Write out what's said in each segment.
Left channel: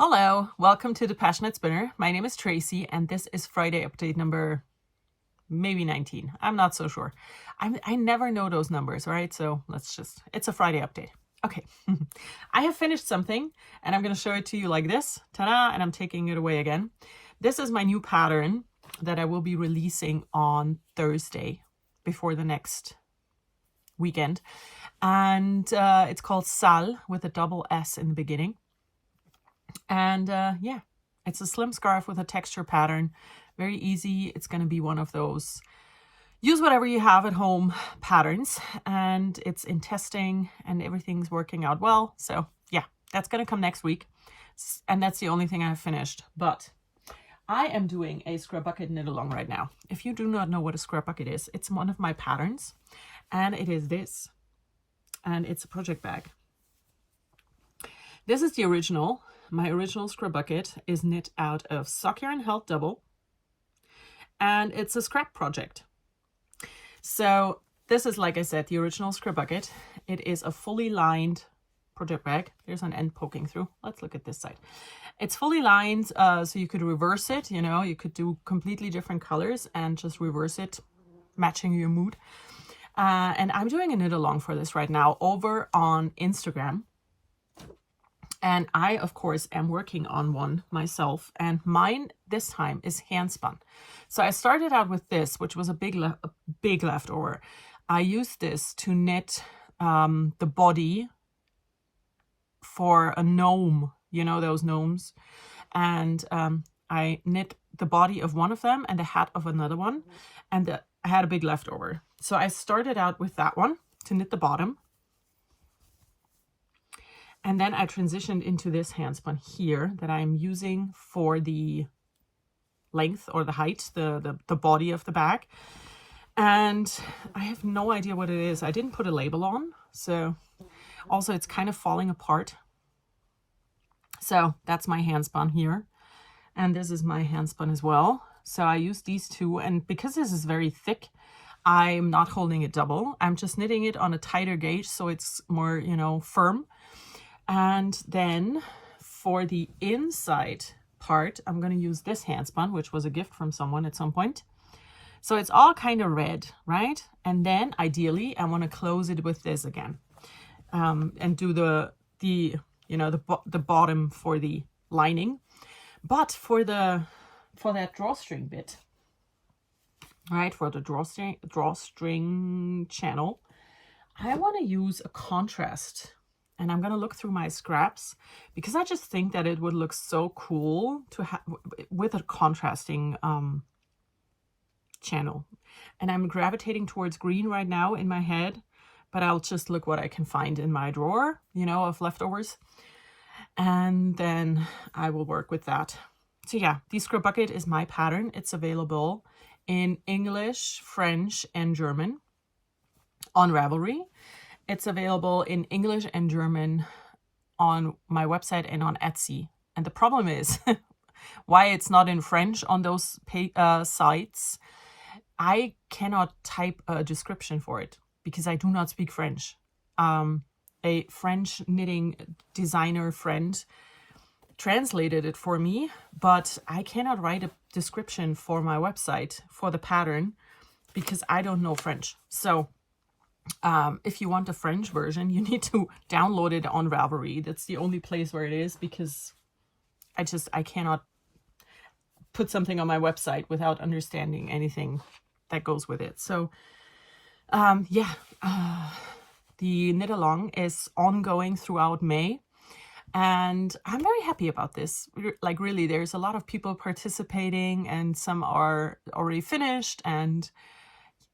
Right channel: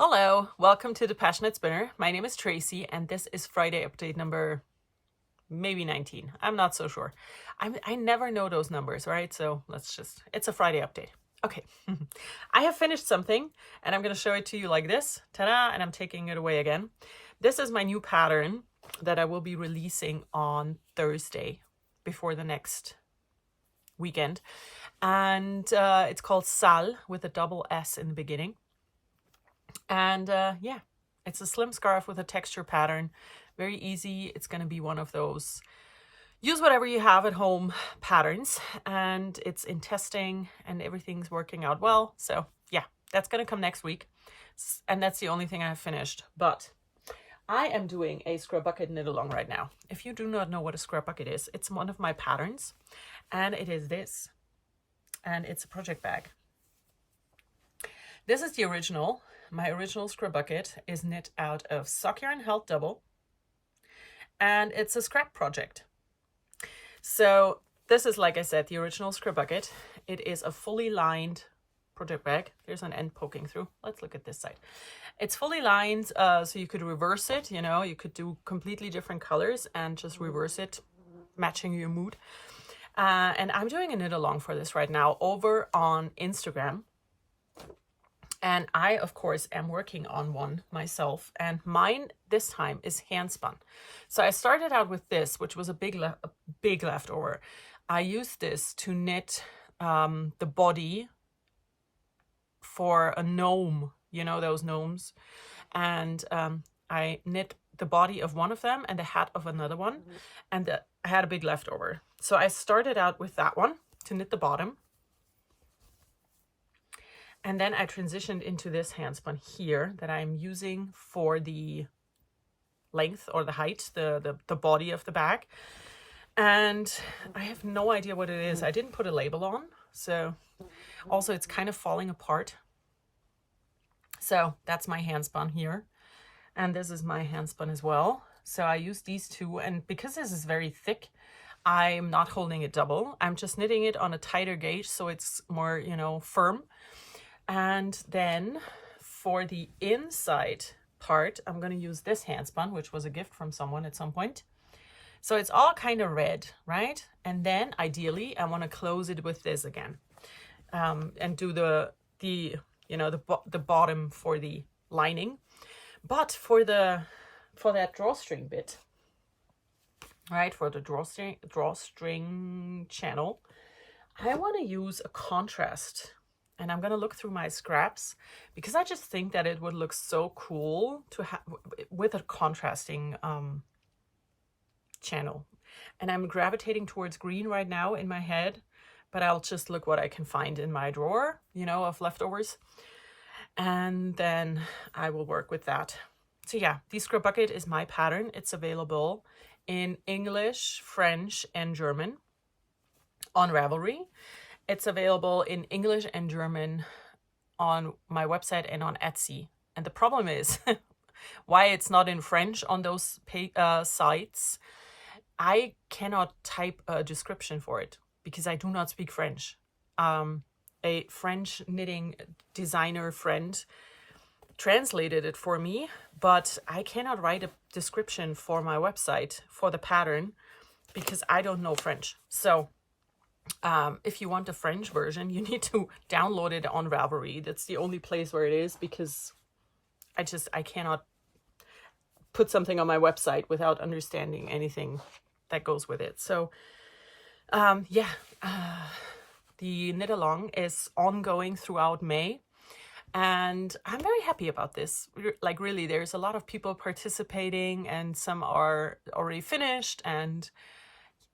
Hello, welcome to the PassioKnit Spinner. My name is Tracy and this is Friday update number maybe 19. I'm not so sure. I never know those numbers, right? So it's a Friday update. Okay, I have finished something and I'm going to show it to you like this. Ta-da! And I'm taking it away again. This is my new pattern that I will be releasing on Thursday before the next weekend. And it's called Sal with a double S in the beginning. And yeah, it's a slim scarf with a texture pattern. Very easy. It's going to be one of those use whatever you have at home patterns. And it's in testing and everything's working out well. So yeah, that's going to come next week. And that's the only thing I have finished. But I am doing a Skrabucket knit along right now. If you do not know what a Skrabucket is, it's one of my patterns. And it is this. And it's a project bag. This is the original. My original Skrabucket is knit out of sock yarn held double, and it's a scrap project. So this is, like I said, the original Skrabucket. It is a fully lined project bag. There's an end poking through. Let's look at this side. It's fully lined, so you could reverse it. You know, you could do completely different colors and just reverse it, matching your mood. And I'm doing a knit along for this right now over on Instagram. And I, of course, am working on one myself. And mine this time is hand spun. So I started out with this, which was a big leftover. I used this to knit the body for a gnome, you know, those gnomes. And I knit the body of one of them and the hat of another one. And I had a big leftover. So I started out with that one to knit the bottom. And then I transitioned into this handspun here that I'm using for the length or the height, the body of the bag. And I have no idea what it is. I didn't put a label on. So also it's kind of falling apart. So that's my handspun here. And this is my handspun as well. So I use these two. And because this is very thick, I'm not holding it double. I'm just knitting it on a tighter gauge so it's more, you know, firm. And then for the inside part, I'm going to use this handspun, which was a gift from someone at some point. So it's all kind of red, right? And then ideally, I want to close it with this again, and do the bottom for the lining. But for that drawstring bit, right? For the drawstring channel, I want to use a contrast. And I'm going to look through my scraps because I just think that it would look so cool to have with a contrasting channel. And I'm gravitating towards green right now in my head, but I'll just look what I can find in my drawer, you know, of leftovers. And then I will work with that. So yeah, the Skrabucket is my pattern. It's available in English, French, and German on Ravelry. It's available in English and German on my website and on Etsy. And the problem is why it's not in French on those sites. I cannot type a description for it because I do not speak French. A French knitting designer friend translated it for me, but I cannot write a description for my website for the pattern because I don't know French. So if you want a French version, you need to download it on Ravelry. That's the only place where it is because I cannot put something on my website without understanding anything that goes with it. So yeah, the knit along is ongoing throughout May. And I'm very happy about this. Like really, there's a lot of people participating and some are already finished, and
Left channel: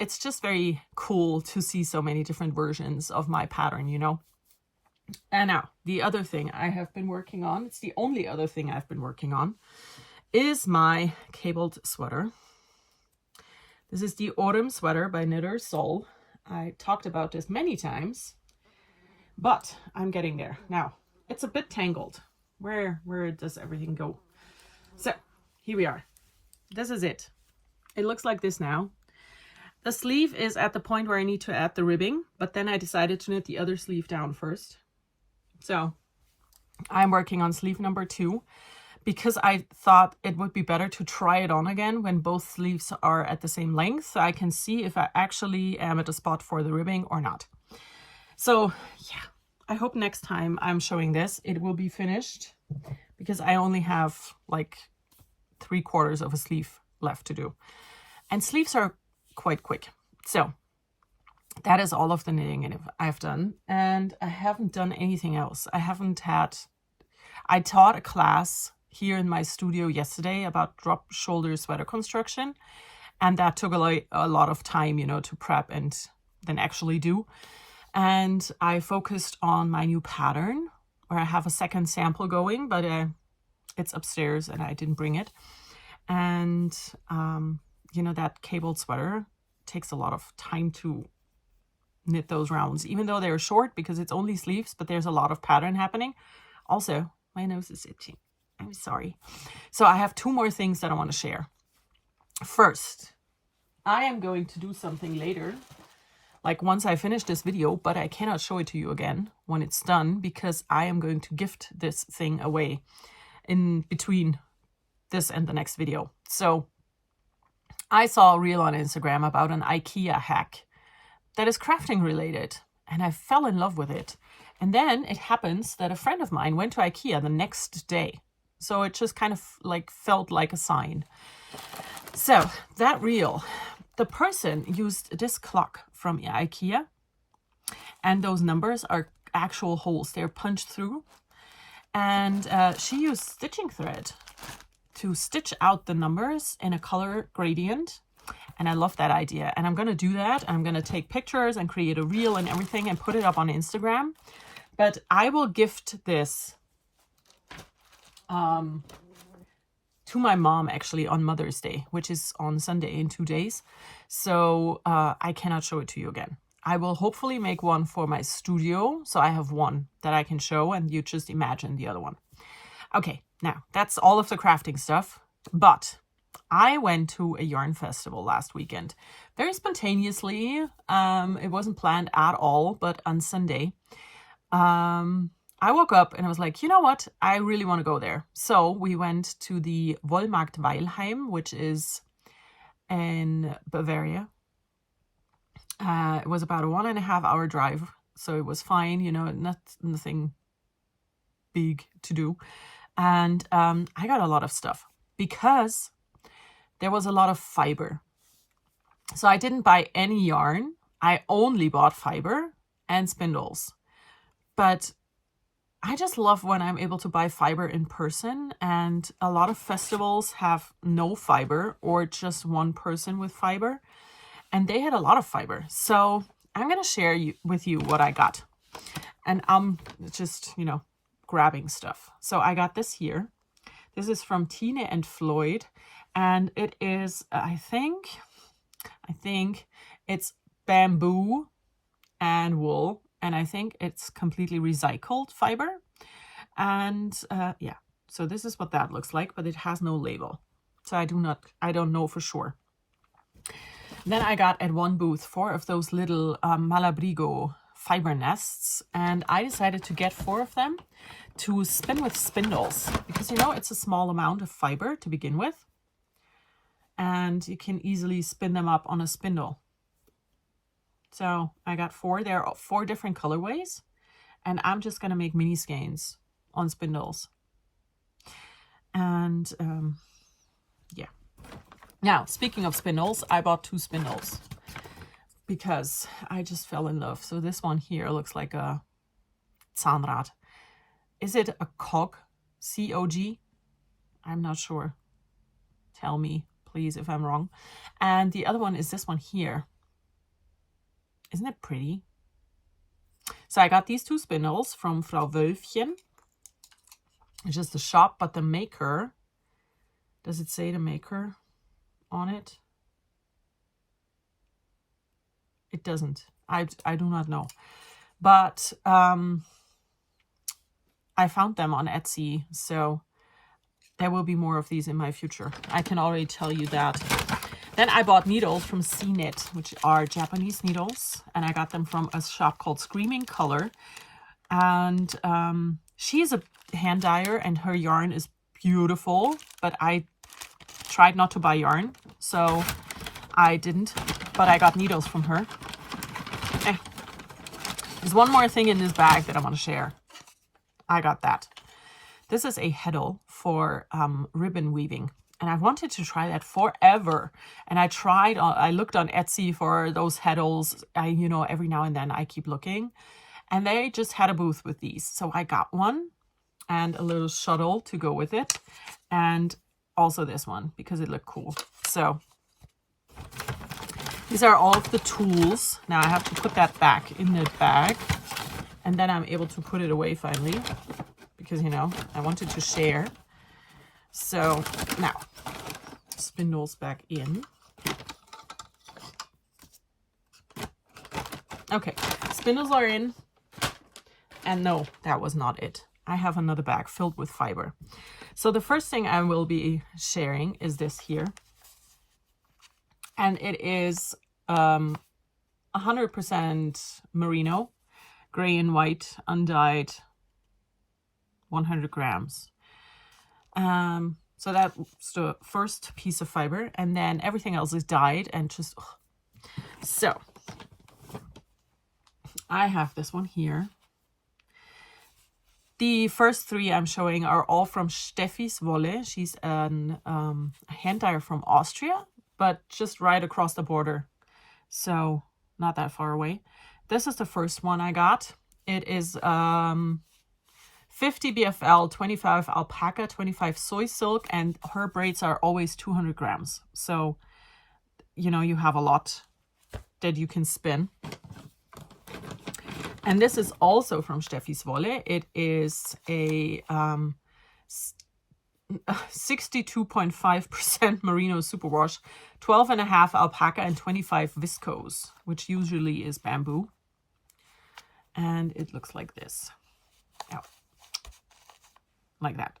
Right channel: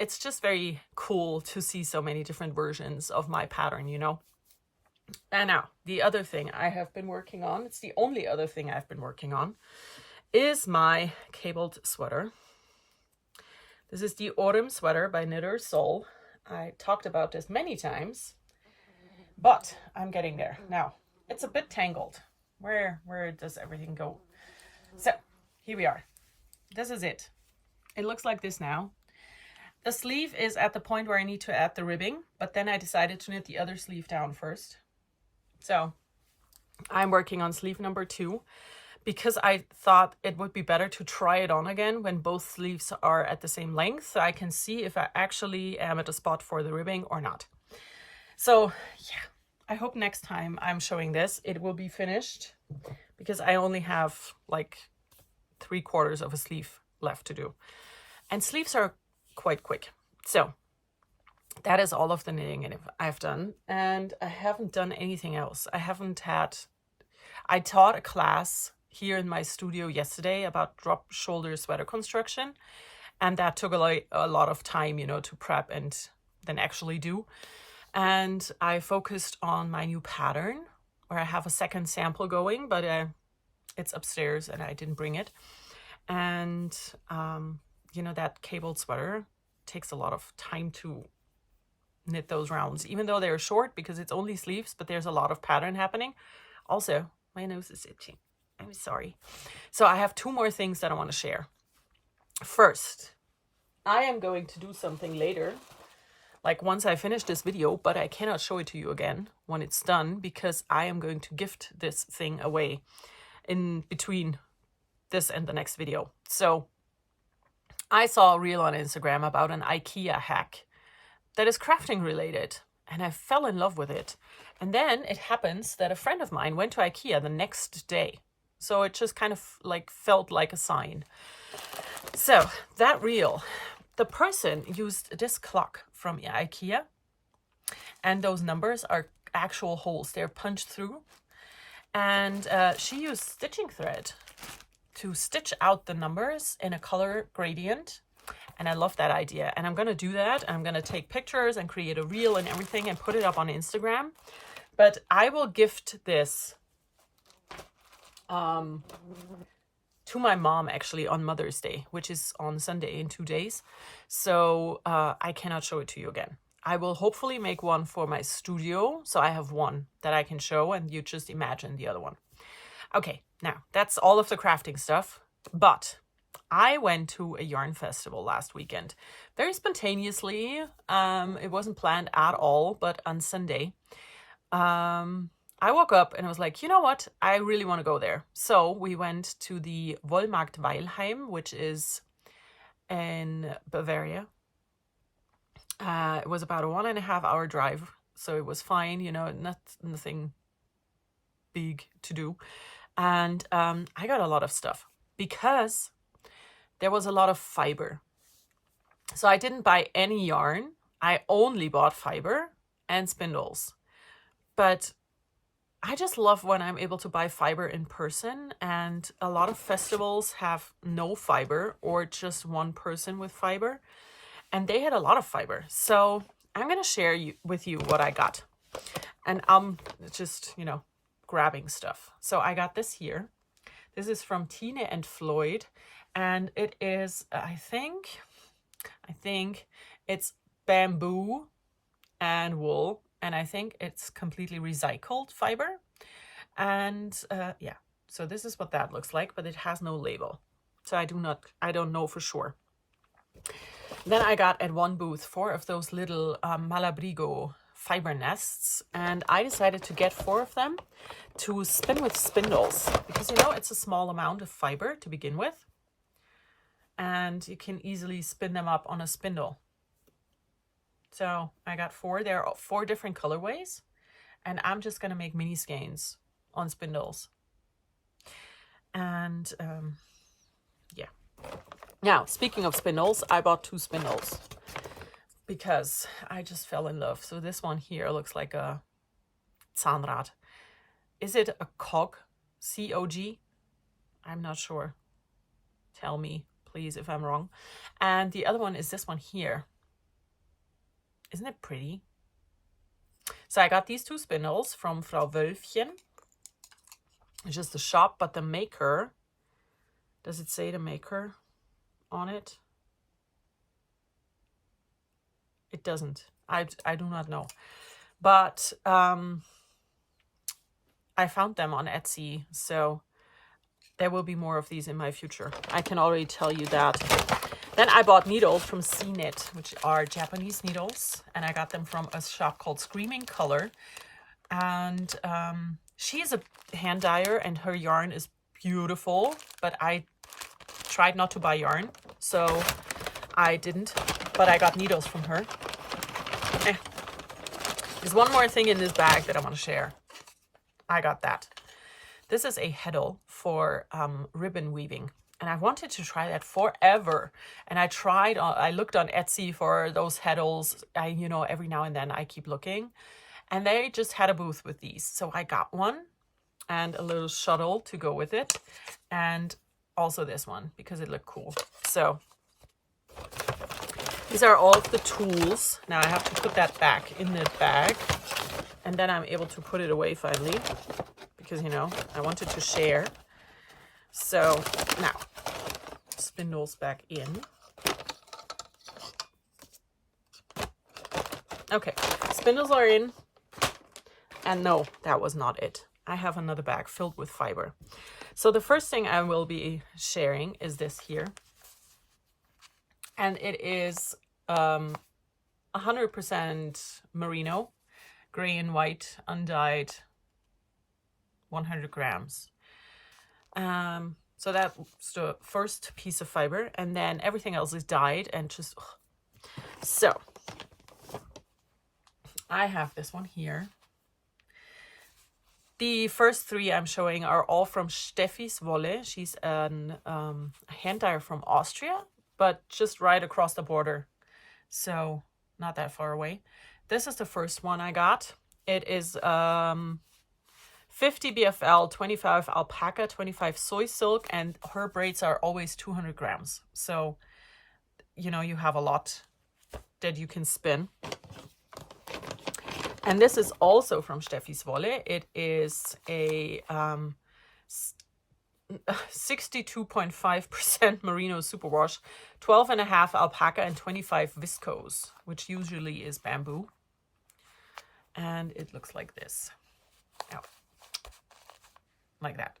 it's just very cool to see so many different versions of my pattern, you know. And now, the other thing I have been working on, it's the only other thing I've been working on, is my cabled sweater. This is the Oreum Sweater by knitter.sol. I talked about this many times, but I'm getting there. Now, it's a bit tangled. Where does everything go? So, here we are. This is it. It looks like this now. The sleeve is at the point where I need to add the ribbing, but then I decided to knit the other sleeve down first. So I'm working on sleeve number 2 because I thought it would be better to try it on again when both sleeves are at the same length, so I can see if I actually am at a spot for the ribbing or not. So yeah, I hope next time I'm showing this, it will be finished, because I only have like 3/4 of a sleeve left to do. And sleeves are quite quick. So that is all of the knitting I've done. And I haven't done anything else. I taught a class here in my studio yesterday about drop shoulder sweater construction. And that took a lot of time, you know, to prep and then actually do. And I focused on my new pattern, where I have a second sample going, but it's upstairs and I didn't bring it. And, you know, that cabled sweater takes a lot of time to knit those rounds, even though they're short because it's only sleeves, but there's a lot of pattern happening. Also, my nose is itching. I'm sorry. So I have 2 more things that I want to share. First, I am going to do something later, like once I finish this video, but I cannot show it to you again when it's done, because I am going to gift this thing away in between this and the next video. So I saw a reel on Instagram about an IKEA hack that is crafting related, and I fell in love with it. And then it happens that a friend of mine went to IKEA the next day. So it just kind of like felt like a sign. So that reel, the person used this clock from IKEA, and those numbers are actual holes. They're punched through. And she used stitching thread to stitch out the numbers in a color gradient. And I love that idea. And I'm going to do that. I'm going to take pictures and create a reel and everything and put it up on Instagram. But I will gift this to my mom actually on Mother's Day, which is on Sunday in 2 days. So I cannot show it to you again. I will hopefully make one for my studio. So I have one that I can show, and you just imagine the other one. Okay, now that's all of the crafting stuff. But I went to a yarn festival last weekend, very spontaneously. It wasn't planned at all, but on Sunday, I woke up and I was like, you know what? I really want to go there. So we went to the Wollmarkt Weilheim, which is in Bavaria. It was about a 1.5 hour drive, so it was fine, you know, nothing big to do. And I got a lot of stuff because there was a lot of fiber. So I didn't buy any yarn. I only bought fiber and spindles. But I just love when I'm able to buy fiber in person, and a lot of festivals have no fiber or just one person with fiber, and they had a lot of fiber. So I'm going to share with you what I got, and I'm just, you know, grabbing stuff. So I got this here. This is from Tine Flloyd, and it is, I think it's bamboo and wool. And I think it's completely recycled fiber. And yeah, so this is what that looks like, but it has no label. So I don't know for sure. Then I got at one booth 4 of those little Malabrigo fiber nests. And I decided to get 4 of them to spin with spindles. Because, you know, it's a small amount of fiber to begin with. And you can easily spin them up on a spindle. So I got 4. There are 4 different colorways, and I'm just going to make mini skeins on spindles. And yeah. Now, speaking of spindles, I bought 2 spindles because I just fell in love. So this one here looks like a Zahnrad. Is it a cog? C-O-G? I'm not sure. Tell me, please, if I'm wrong. And the other one is this one here. Isn't it pretty? So I got these 2 spindles from Frau Wöllfchen. It's just the shop, but the maker, does it say the maker on it? It doesn't. I do not know. But I found them on Etsy, so there will be more of these in my future. I can already tell you that. Then I bought needles from Knit, which are Japanese needles, and I got them from a shop called Screaming Color. And she's a hand dyer, and her yarn is beautiful, but I tried not to buy yarn, so I didn't, but I got needles from her. There's one more thing in this bag that I want to share. I got that. This is a heddle for ribbon weaving, and I wanted to try that forever. And I looked on Etsy for those heddles. You know, every now and then I keep looking, and they just had a booth with these. So I got one and a little shuttle to go with it, and also this one because it looked cool. So these are all of the tools. Now I have to put that back in the bag, and then I'm able to put it away finally, because, you know, I wanted to share. So now, spindles back in. Okay, spindles are in. And no, that was not it. I have another bag filled with fiber. So the first thing I will be sharing is this here. And it is 100% merino, gray and white, undyed, 100 grams. So that's the first piece of fiber, and then everything else is dyed and just... So I have this one here. The first three I'm showing are all from Stefi's Wolle. She's a hand dyer from Austria, but just right across the border, so not that far away. This is the first one I got. It is 50 BFL, 25 alpaca, 25 soy silk, and her braids are always 200 grams. So, you know, you have a lot that you can spin. And this is also from Stefi's Wolle. It is a 62.5% merino superwash, 12.5 alpaca, and 25 viscose, which usually is bamboo. And it looks like this. Oh, like that.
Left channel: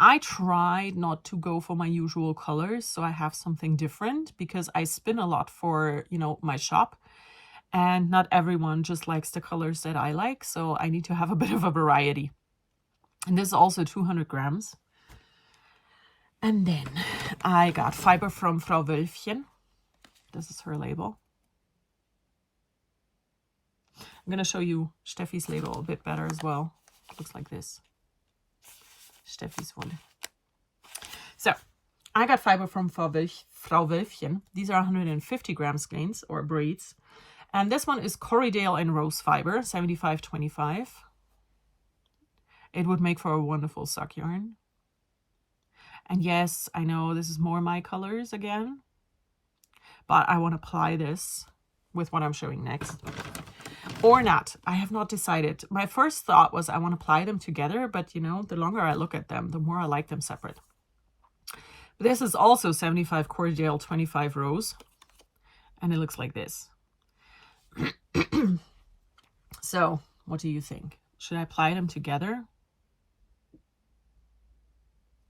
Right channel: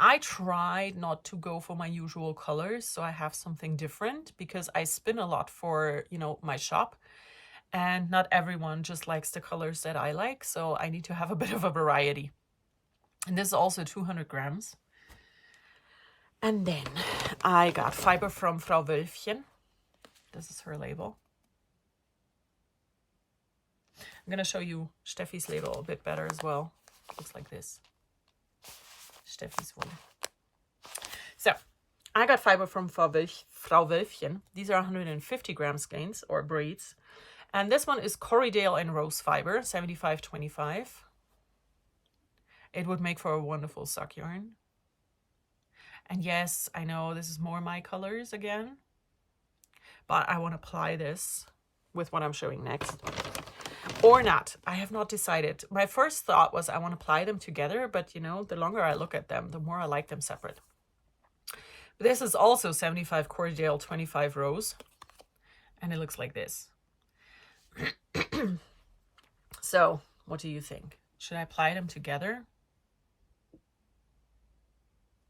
I tried not to go for my usual colors, so I have something different, because I spin a lot for, you know, my shop. And not everyone just likes the colors that I like, so I need to have a bit of a variety. And this is also 200 grams. And then I got fiber from Frau Wöllfchen. This is her label. I'm going to show you Stefi's label a bit better as well. It looks like this. Stefi's Wolle. So I got fiber from Frau Wöllfchen. These are 150 gram skeins or braids. And this one is Corriedale and Rose fiber, 75-25. It would make for a wonderful sock yarn. And yes, I know this is more my colors again, but I want to apply this with what I'm showing next. Or not. I have not decided. My first thought was I want to apply them together, but you know, the longer I look at them, the more I like them separate. But this is also 75 Corriedale, 25 Rose, and it looks like this. So, what do you think? Should I apply them together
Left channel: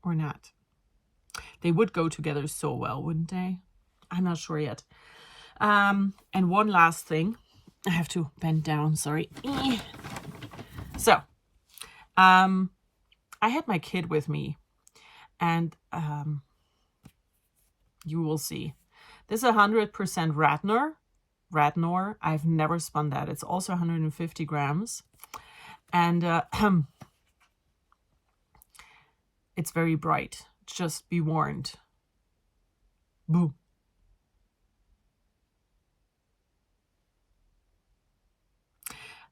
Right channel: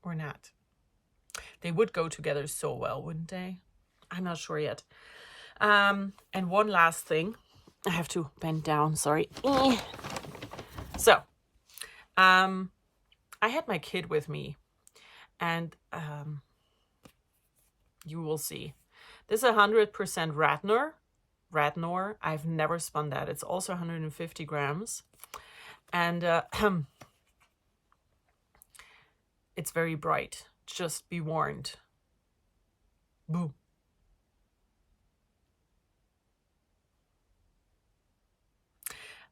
or not? They would go together so well, wouldn't they? I'm not sure yet. And one last thing. I have to bend down, sorry. So, I had my kid with me, and you will see. This is 100% Radnor. I've never spun that. It's also 150 grams. And it's very bright. Just be warned. Boo.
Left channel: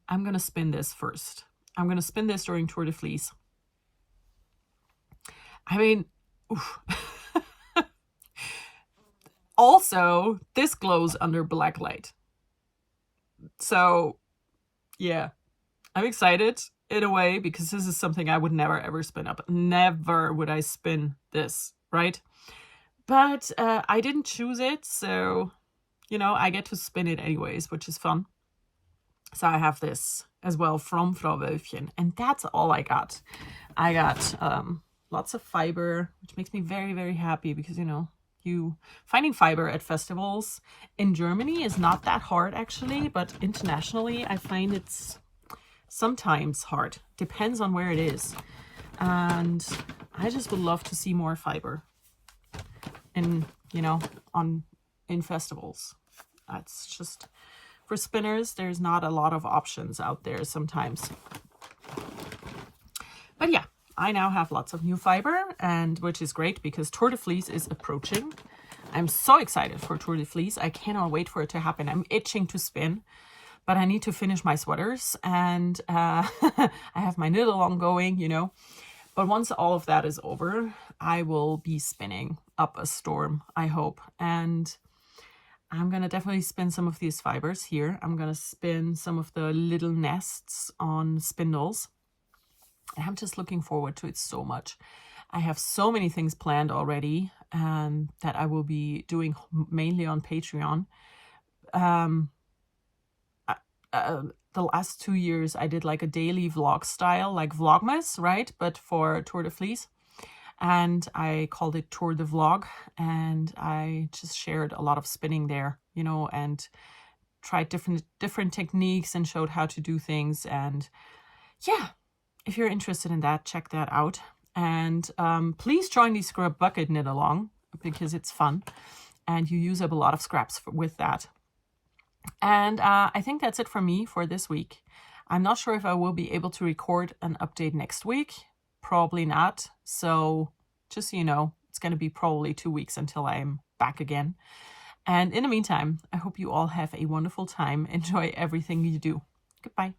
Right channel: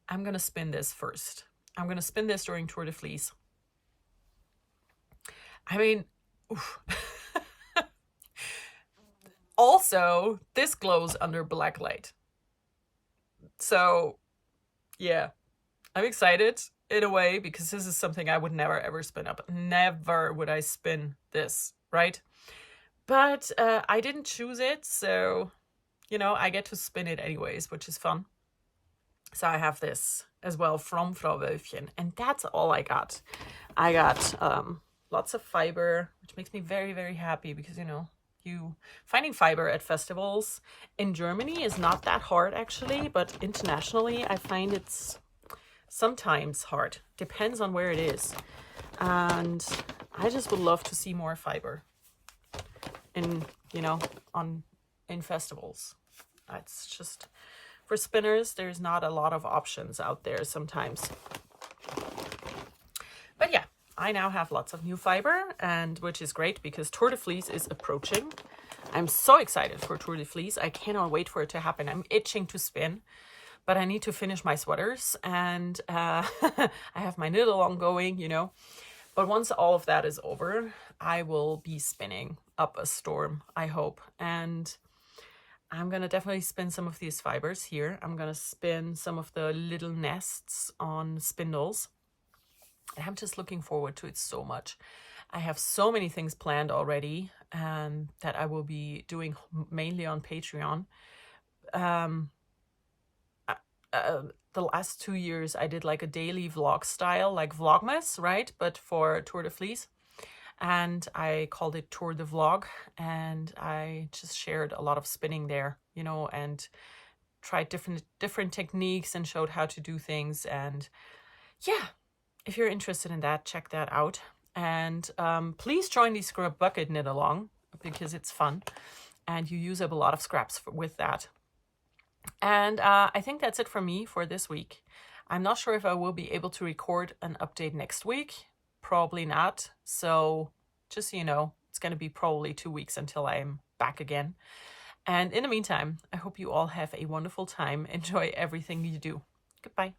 I'm going to spin this first. I'm going to spin this during Tour de Fleece. I mean, oof. Also, this glows under black light. So, yeah, I'm excited in a way, because this is something I would never ever spin up. Never would I spin this, right? But I didn't choose it, so, you know, I get to spin it anyways, which is fun. So I have this as well from Frau Wöllfchen, and that's all I got. I got lots of fiber, which makes me very, very happy, because, you know, finding fiber at festivals in Germany is not that hard actually, but internationally I find it's sometimes hard. Depends on where it is. And I just would love to see more fiber in, you know, in festivals. It's just, for spinners, there's not a lot of options out there sometimes. But yeah, I now have lots of new fiber, and which is great because Tour de Fleece is approaching. I'm so excited for Tour de Fleece. I cannot wait for it to happen. I'm itching to spin, but I need to finish my sweaters, and I have my knit along going, you know. But once all of that is over, I will be spinning up a storm, I hope. And I'm going to definitely spin some of these fibers here. I'm going to spin some of the little nests on spindles. And I'm just looking forward to it so much. I have so many things planned already that I will be doing mainly on Patreon. The last 2 years I did like a daily vlog style, like Vlogmas, right? But for Tour de Fleece. And I called it Tour de Vlog. And I just shared a lot of spinning there, you know, and tried different techniques and showed how to do things. And yeah, if you're interested in that, check that out. And please join the Skrabucket knit along because it's fun. And you use up a lot of scraps with that. And I think that's it from me for this week. I'm not sure if I will be able to record an update next week. Probably not. So just so you know, it's going to be probably 2 weeks until I'm back again. And in the meantime, I hope you all have a wonderful time. Enjoy everything you do. Goodbye.